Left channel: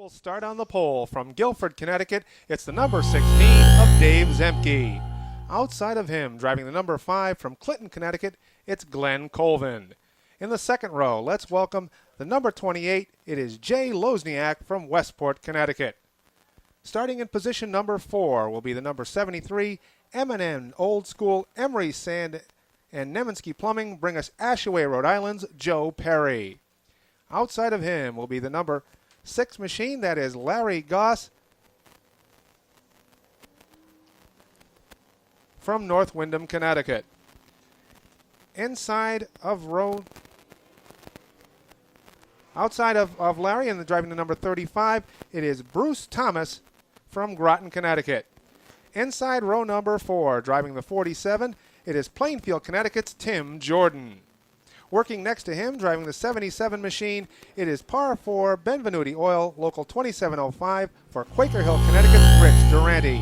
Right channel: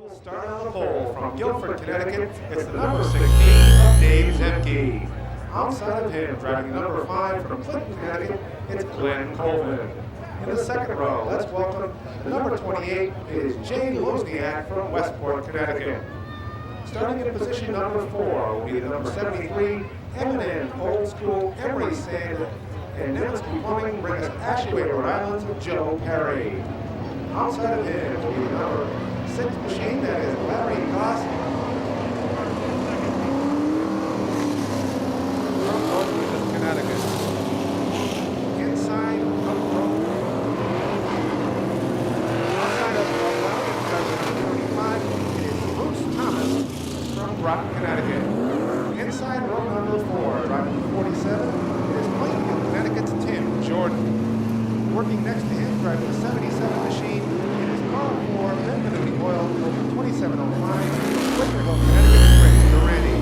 We'll start on the pole from Guilford, Connecticut. It's the number 16 of Dave Zemke. Outside of him, driving the number 5 from Clinton, Connecticut, it's Glenn Colvin. In the second row, let's welcome the number 28. It is Jay Lozniak from Westport, Connecticut. Starting in position number 4 will be the number 73, M&N Old School Emery Sand and Nemensky Plumbing bring us Ashaway, Rhode Island's Joe Perry. Outside of him will be the number 6 machine, that is Larry Goss from North Windham, Connecticut. Outside of Larry and driving the number 35, it is Bruce Thomas from Groton, Connecticut. Inside row number 4, driving the 47, it is Plainfield, Connecticut's Tim Jordan. Working next to him, driving the 77 machine, it is par 4 Benvenuti Oil, local 2705 from Quaker Hill, Connecticut's Rich Durante.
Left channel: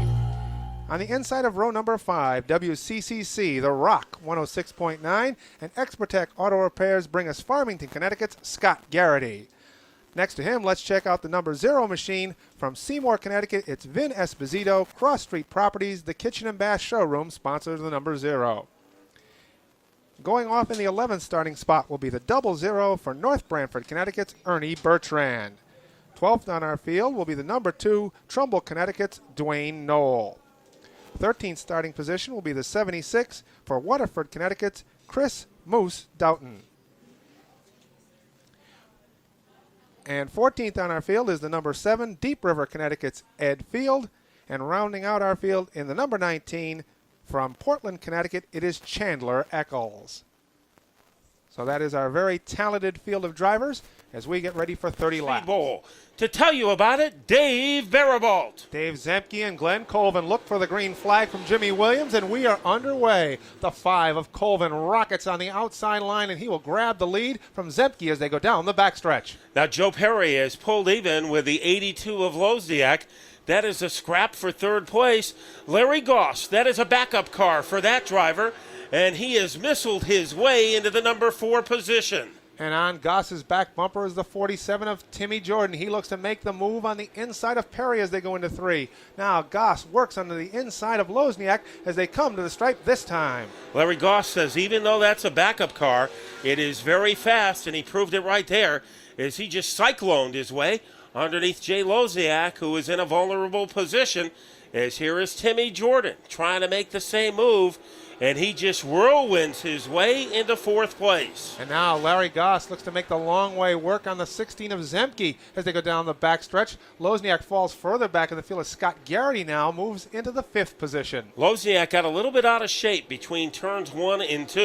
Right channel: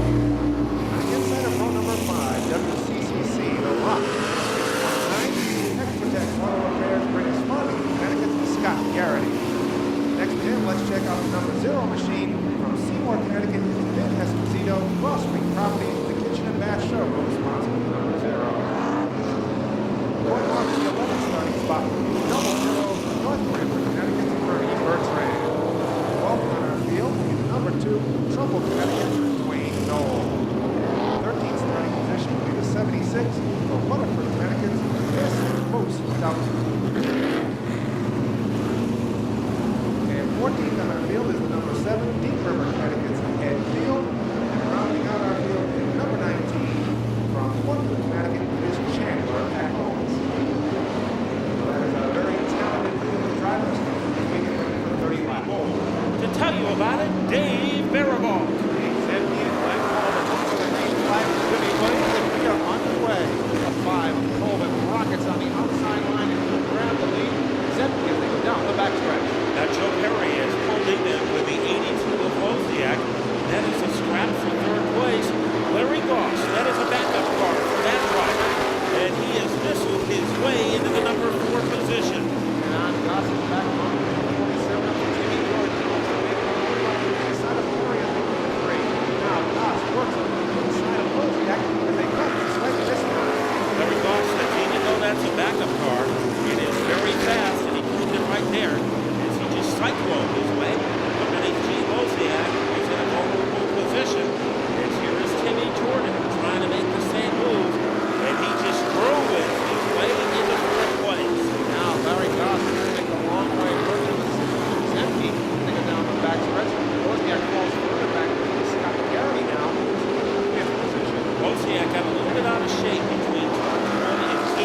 On the inside of row number 5, WCCC, The Rock, 106.9. Expertech Auto Repairs bring us Farmington, Connecticut's Scott Garrity. Next to him, let's check out the number 0 machine from Seymour, Connecticut. It's Vin Esposito, Cross Street Properties, the Kitchen and Bath Showroom sponsors the number 0. Going off in the 11th starting spot will be the 00 for North Branford, Connecticut's Ernie Bertrand. 12th on our field will be the number 2, Trumbull, Connecticut's Dwayne Knoll. 13th starting position will be the 76 for Waterford, Connecticut's Chris Moose Doughton. And 14th on our field is the number 7, Deep River, Connecticut's Ed Field. And rounding out our field in the number 19 from Portland, Connecticut, it is Chandler Eccles. So that is our very talented field of drivers as we get ready for 30 laps. To tell you about it, Dave Barabalt. Dave Zemke and Glenn Colvin look for the green flag from Jimmy Williams, and we are underway. The 5 of Colvin rockets on the outside line, and he will grab the lead from Zemke as they go down the backstretch. Now Joe Perry has pulled even with the 82 of Lozniak. That is a scrap for third place. Larry Goss, that is a backup car for that driver, and he has missiled his way into the number 4 position. And on Goss's back bumper is the 47 of Timmy Jordan. He looks to make the move on the inside of Perry as they go into 3. Now Goss works under the inside of Lozniak as they come to the stripe this time. Larry Goss says even though that's a backup car, it is very fast, and he proved it right there as he just cycloned his way underneath Jay Lozniak, who is in a vulnerable position. As here is Timmy Jordan trying to make the same move, and he just whirlwinds his way into 4th place. And now Larry Goss looks to make the long way work on the 16 of Zemke as they go down the backstretch. Lozniak falls further back in the field as Scott Garrity now moves into the 5th position. Lozniak got a little bit out of shape between turns 1 and 2,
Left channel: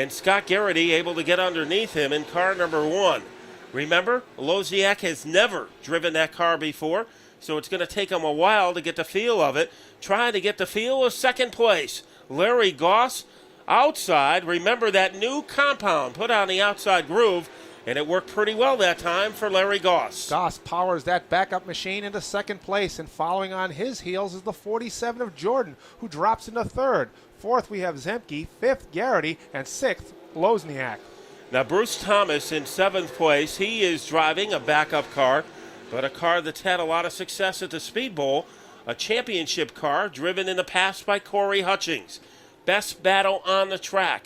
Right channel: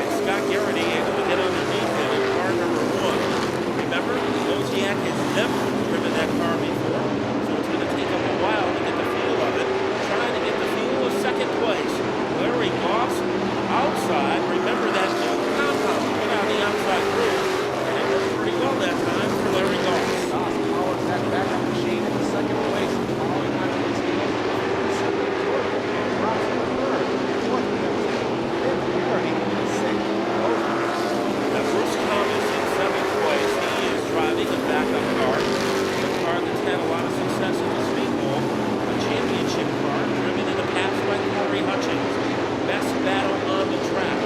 and Scott Garrity able to get underneath him in car number 1. Remember, Lozniak has never driven that car before, so it's going to take him a while to get the feel of it. Trying to get the feel of 2nd place. Larry Goss outside. Remember that new compound put on the outside groove, and it worked pretty well that time for Larry Goss. Goss powers that backup machine into 2nd place, and following on his heels is the 47 of Jordan, who drops into 3rd. 4th we have Zemke, 5th Garrity, and 6th Lozniak. Now Bruce Thomas in 7th place. He is driving a backup car, but a car that's had a lot of success at the Speedbowl. A championship car driven in the past by Corey Hutchings. Best battle on the track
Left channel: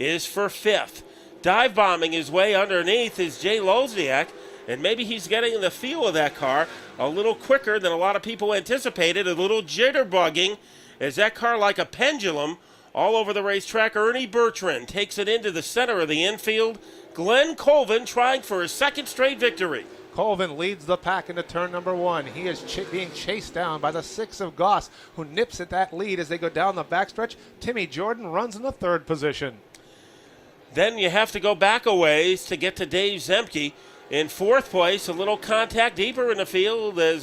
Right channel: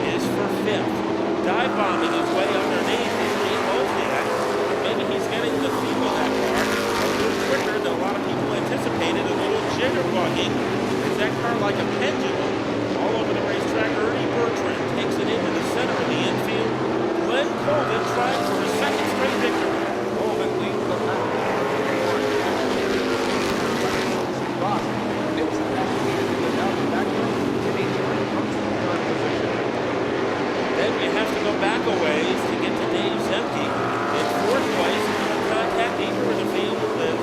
is for 5th. Dive bombing his way underneath is Jay Lozniak, and maybe he's getting the feel of that car a little quicker than a lot of people anticipated. A little jitterbugging as that car, like a pendulum, all over the racetrack. Ernie Bertrand takes it into the center of the infield. Glenn Colvin trying for his 2nd straight victory. Colvin leads the pack into turn number 1. He is being chased down by the 6 of Goss, who nips at that lead as they go down the backstretch. Timmy Jordan runs to the 3rd position. Then you have to go back a ways to get to Dave Zemke. In 4th place, a little contact deeper in the field as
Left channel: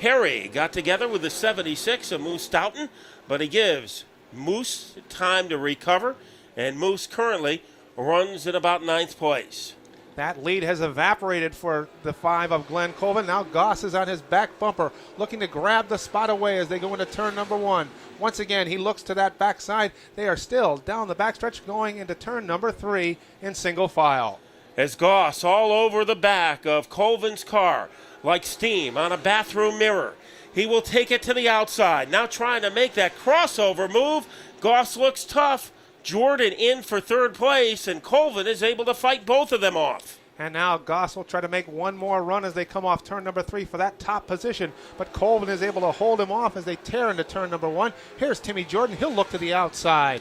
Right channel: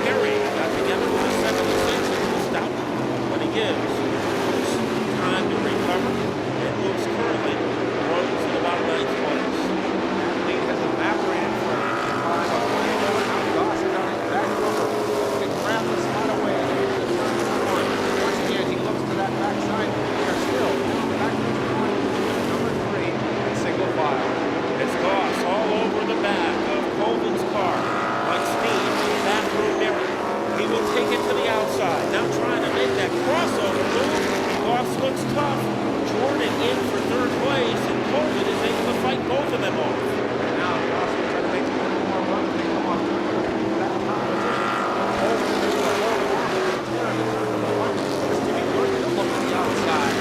Perry got together with the 76 of Moose Doughton, but he gives Moose time to recover, and Moose currently runs in about 9th place. That lead has evaporated for the 5 of Glenn Colvin. Now Goss is on his back bumper, looking to grab the spot away as they go into turn number 1. Once again, he looks to that backside. They are still down the backstretch going into turn number 3 in single file. As Goss all over the back of Colvin's car. like steam on a bathroom mirror. He will take it to the outside. Now trying to make that crossover move. Goss looks tough. Jordan in for third place, and Colvin is able to fight both of them off. And now Goss will try to make one more run as they come off turn number 3 for that top position. But Colvin is able to hold him off as they tear into turn number 1. Here's Timmy Jordan. He'll look to the outside.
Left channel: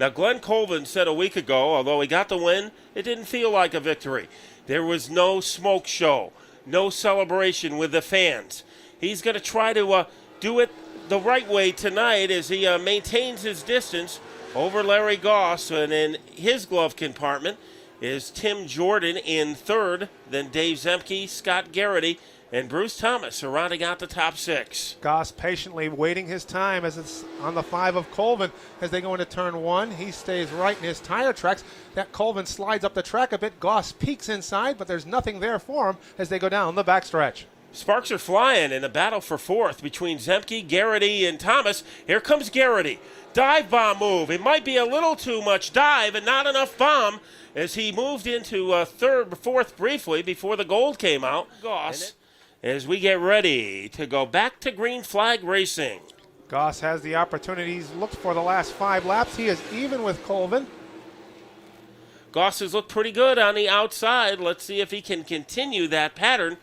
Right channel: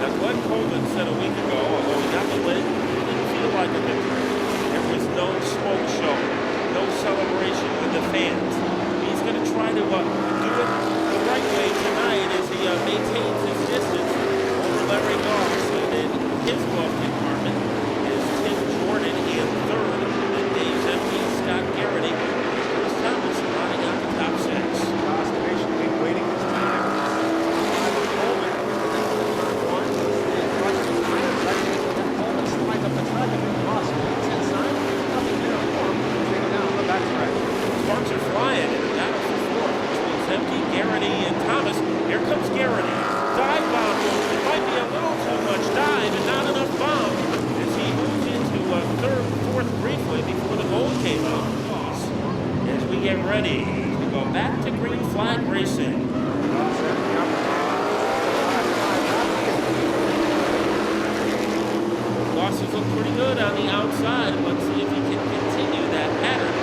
Now Glenn Colvin said a week ago, although he got the win, it didn't feel like a victory. There was no smoke show, no celebration with the fans. He's going to try to do it the right way tonight as he maintains his distance over Larry Goss, and in his glove compartment is Tim Jordan in third, then Dave Zemke, Scott Garrity, and Bruce Thomas are rounding out the top 6. Goss patiently waiting his time as it's on the 5 of Colvin as they go into turn 1. He stays right in his tire track. That Colvin slides up the track a bit. Goss peeks inside, but there's nothing there for him as they go down the backstretch. Sparks are flying in the battle for fourth between Zemke, Garrity, and Thomas. Here comes Garrity. Dive bomb move. It might be a little too much dive and not enough bomb as he moved into third, fourth briefly before the gold came out. Goss, as we get ready to go back to green flag racing. Goss has the opportunity to look for the last 5 laps. He is even with Colvin. Goss has looked pretty good on the outside. Let's see if he can continue that pattern.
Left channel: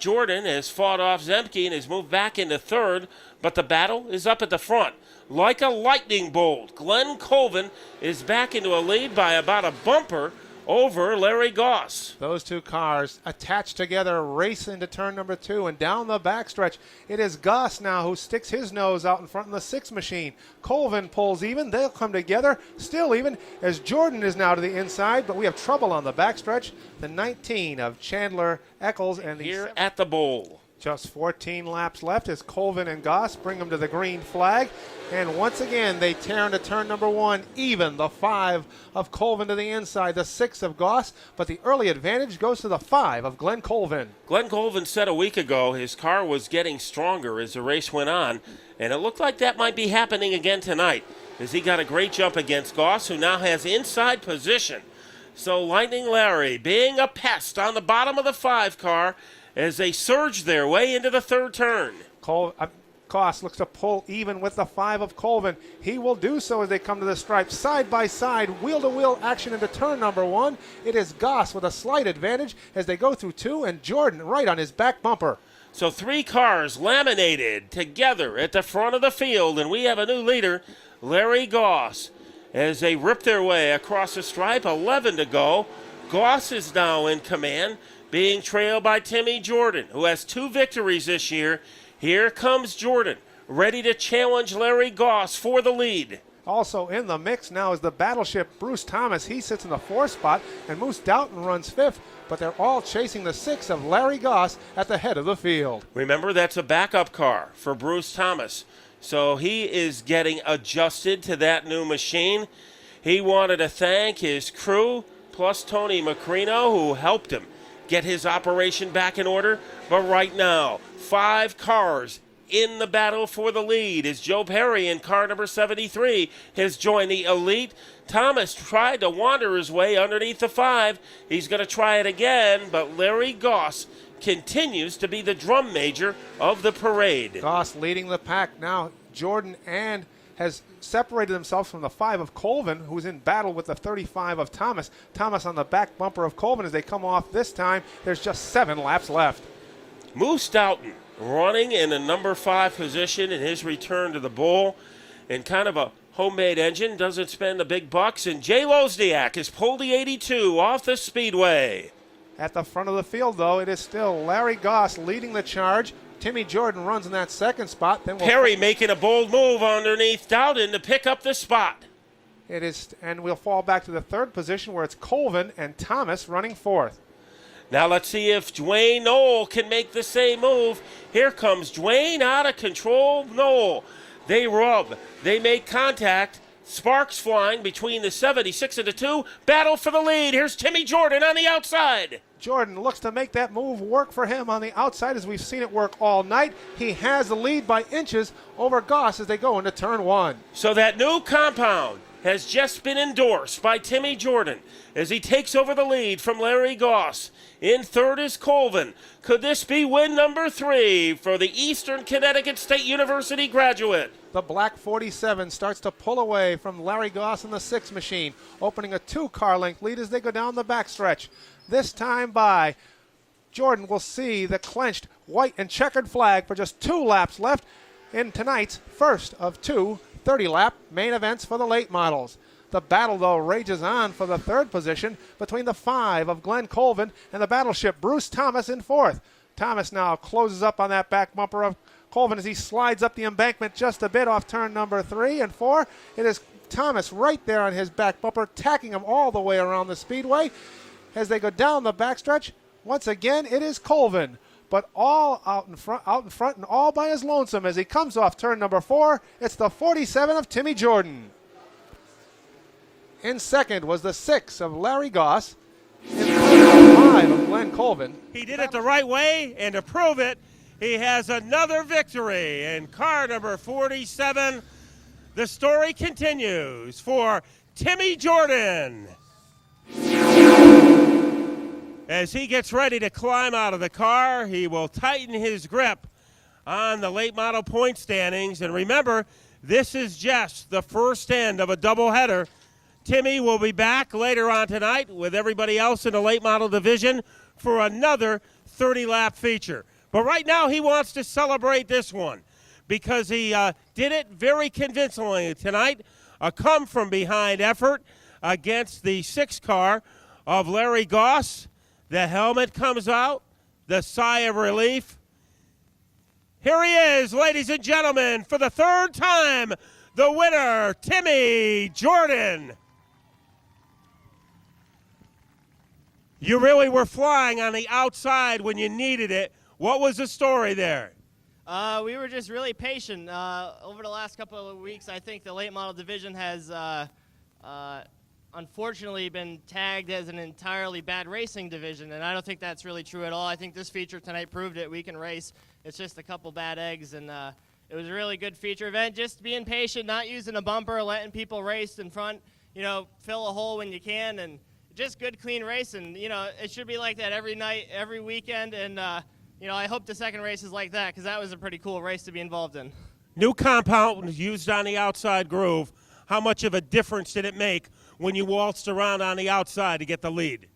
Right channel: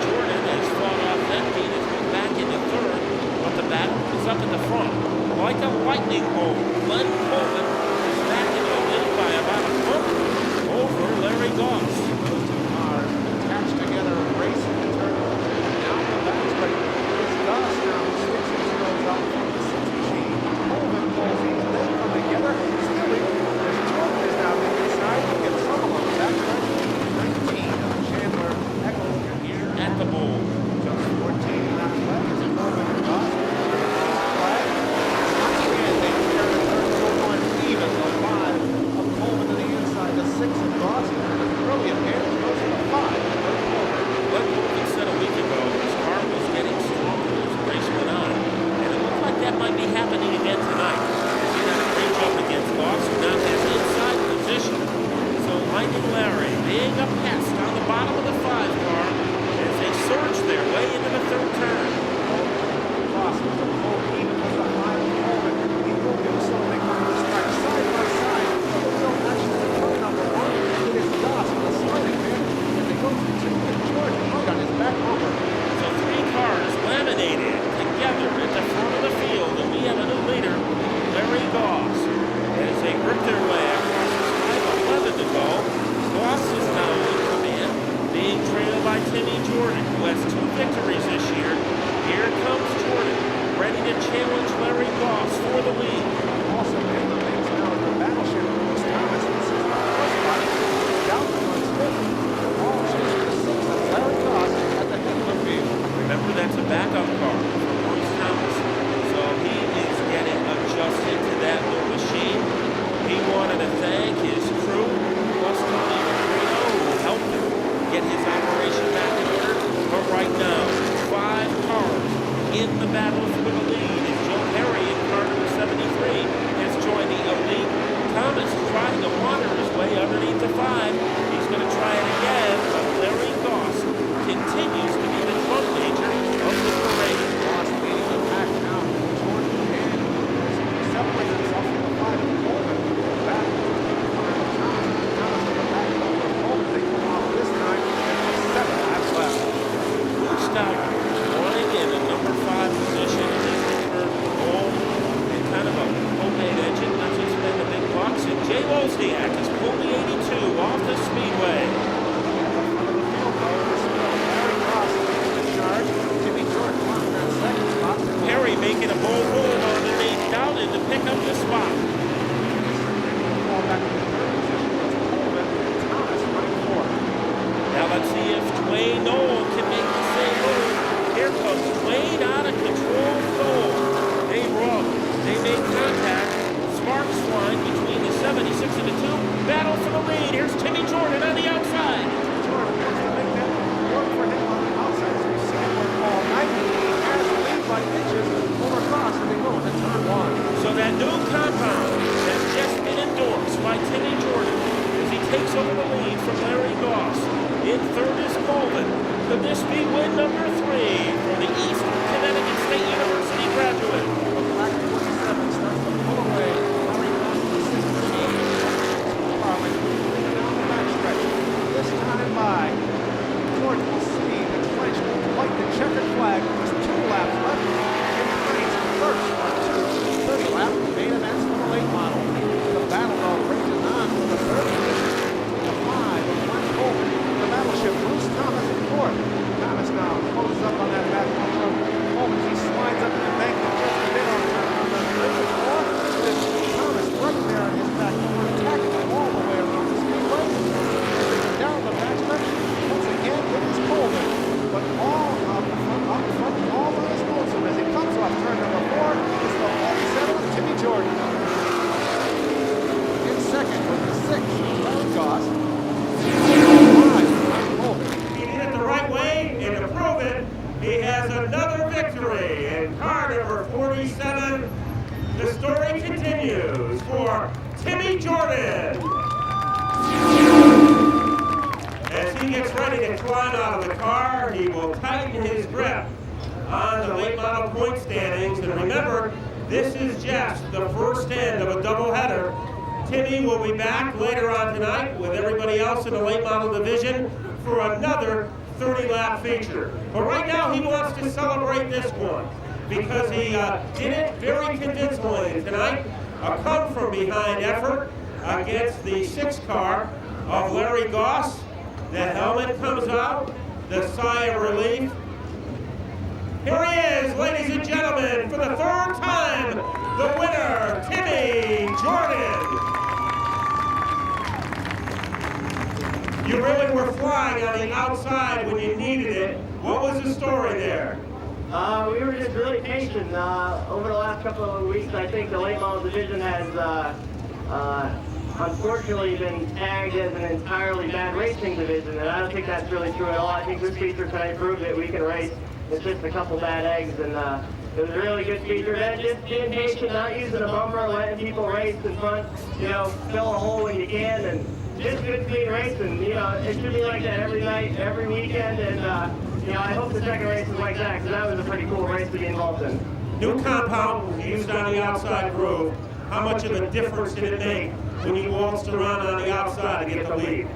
Jordan has fought off Zemke and has moved back into third, but the battle is up at the front. Like a lightning bolt, Glenn Colvin is back into a lead by about a bumper over Larry Goss. Those two cars attached together, racing to turn number 2 and down the backstretch. It is Goss now who sticks his nose out from the 6 machine. Colvin pulls even, they'll come together, still even, as Jordan is now to the inside, but we have trouble on the backstretch. The 19 of Chandler, Eccles, and Here at the bowl. just 14 laps left as Colvin and Goss bring them to the green flag. And once again, they tear into turn number 1, even. The 5 of Colvin to the inside, the 6 of Goss, but the early advantage goes to the 5 of Glenn Colvin. Glenn Colvin said a week ago his car was getting stronger as the race went on, and it looked like that might be happening again tonight as he got a great jump against Goss, who now has inside position. So Lightning Larry being a pest on the bottom of the 5 car as they surge their way into the third turn. Goss looks to pull even with the 5 of Colvin. He will do so as they come to the stripe, side by side, wheel-to-wheel action into turn number 1. It is Goss with a slight advantage as they go through 2, and Jordan right on his back bumper. So 3 cars laminated together at the front of the field, and we have a new leader, Larry Goss, as they rip their way across the stripe. 11 to go. Goss is now in command, being trailed by Timmy Jordan, who has 2 victories this year. Here comes Jordan, ready to challenge Larry Goss for the lead. Also in the mix now is the battleship Bruce Thomas. He sits in the 4th spot, and Bruce Doughton runs 5th, but they're all chasing the 6 of Larry Goss at the head of the field. Remember, that's a backup car for Bruce Thomas, so he is getting adjusted to that new machine. He wanted to thank his crew, plus Tony Macrino, who helped him get his operation back in order. But right now, 5 cars in the battle for the lead as Joe Perry in car number 73 has joined the elite. Thomas tried to wander his way underneath the 5. He's going to try it again, but Larry Goss continues to be the drum major of the parade. Goss leading the pack now. Jordan has separated himself from the 5 of Colvin, who was in battle with the 35 of Thomas. Thomas on the back bumper of Colvin as they come off this time. There's just 7 laps left. Bruce Doughton running in a number 5 position in his return to the bowl, and kind of a homemade engine, doesn't spend the big bucks. And Jay Wozniak has pulled the 82 off the speedway. At the front of the field, though, it is still Larry Goss leading the charge. Timmy Jordan runs in that 2nd spot. Perry making a bold move underneath Doughton to pick up the spot. And we'll fall back to the 3rd position where it's Colvin and Thomas running 4th. Now let's see if Dwayne Knoll can make the same move. Here comes Dwayne out of control. Knoll. They rub. They make contact. Sparks flying between the 76 and the 2. Battle for the lead. Here's Timmy Jordan on the outside. Jordan looks to make that move work for him on the outside as we've seen it work all night. He has the lead by inches over Goss as they go into turn 1. So that new compound has just been endorsed by Timmy Jordan as he takes over the lead from Larry Goss. In 3rd is Colvin. Could this be win number 3 for the Eastern Connecticut State University graduate? The black 47 starts to pull away from Larry Goss in the 6 machine, opening a 2-car length lead as they go down the backstretch. This time by Jordan will see the clenched white and checkered flag for just 2 laps left in tonight's first of 2 30-lap main events for the late models. The battle, though, rages on for the 3rd position between the 5 of Glenn Colvin and the battleship Bruce Thomas in 4th. Thomas now closes up on that back bumper of Colvin as he slides up the embankment just a bit off turn number 3 and 4. It is Thomas right there on his back bumper, tacking him all the way around the speedway. As they go down the backstretch, once again, it is Colvin, but all out front, all by his lonesome as he comes off turn number 4. It's the 47 of Timmy Jordan. In 2nd was the 6 of Larry Goss. In 5 of Glenn Colvin. He did it the right way, and to prove it, he has another victory in car number 47. The story continues for Timmy Jordan. As he gets ready to climb out of the car, he will tighten his grip on the late model point standings. And remember, this is just the first end of a doubleheader. Timmy will be back later on tonight with everybody else in the late model division for another 30-lap feature. But right now he wants to celebrate this one because he did it very convincingly tonight. A come-from-behind effort against the 6 car of Larry Goss. The helmet comes out, the sigh of relief. Here he is, ladies and gentlemen, for the 3rd time, the winner, Timmy Jordan. You really were flying on the outside when you needed it. What was the story there? We were just really patient. Over the last couple of weeks, I think the late model division has unfortunately been tagged as an entirely bad racing division, and I don't think that's really true at all. I think this feature tonight proved that we can race. It's just a couple bad eggs, and it was a really good feature event. Just being patient, not using a bumper, letting people race in front, fill a hole when you can, and just good, clean racing. It should be like that every night, every weekend, and I hope the second race is like that, because that was a pretty cool race to be involved in. New compound was used on the outside groove. How much of a difference did it make when you waltzed around on the outside to get the lead?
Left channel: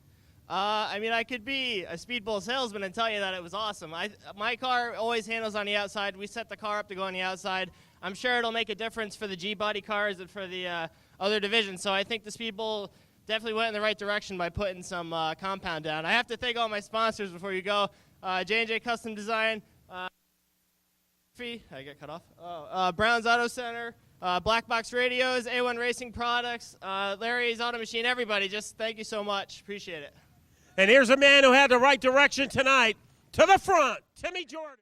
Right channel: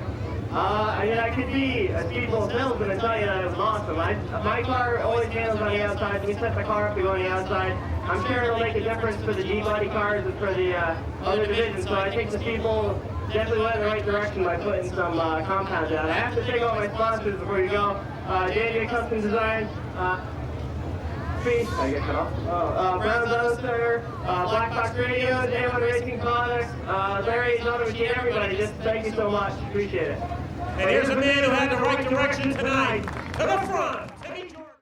I can be a speedbowl salesman and tell you that it was awesome. My car always handles on the outside. If we set the car up to go on the outside, I'm sure it'll make a difference for the G-body cars and for the other divisions. So I think the speedbowl definitely went in the right direction by putting some compound down. I have to thank all my sponsors before we go. J&J Custom Design, Brown's Auto Center, Black Box Radios, A1 Racing Products, Larry's Auto Machine, everybody, just thank you so much. Appreciate it. And here's a man who had the right direction tonight. To the front, Timmy Jordan.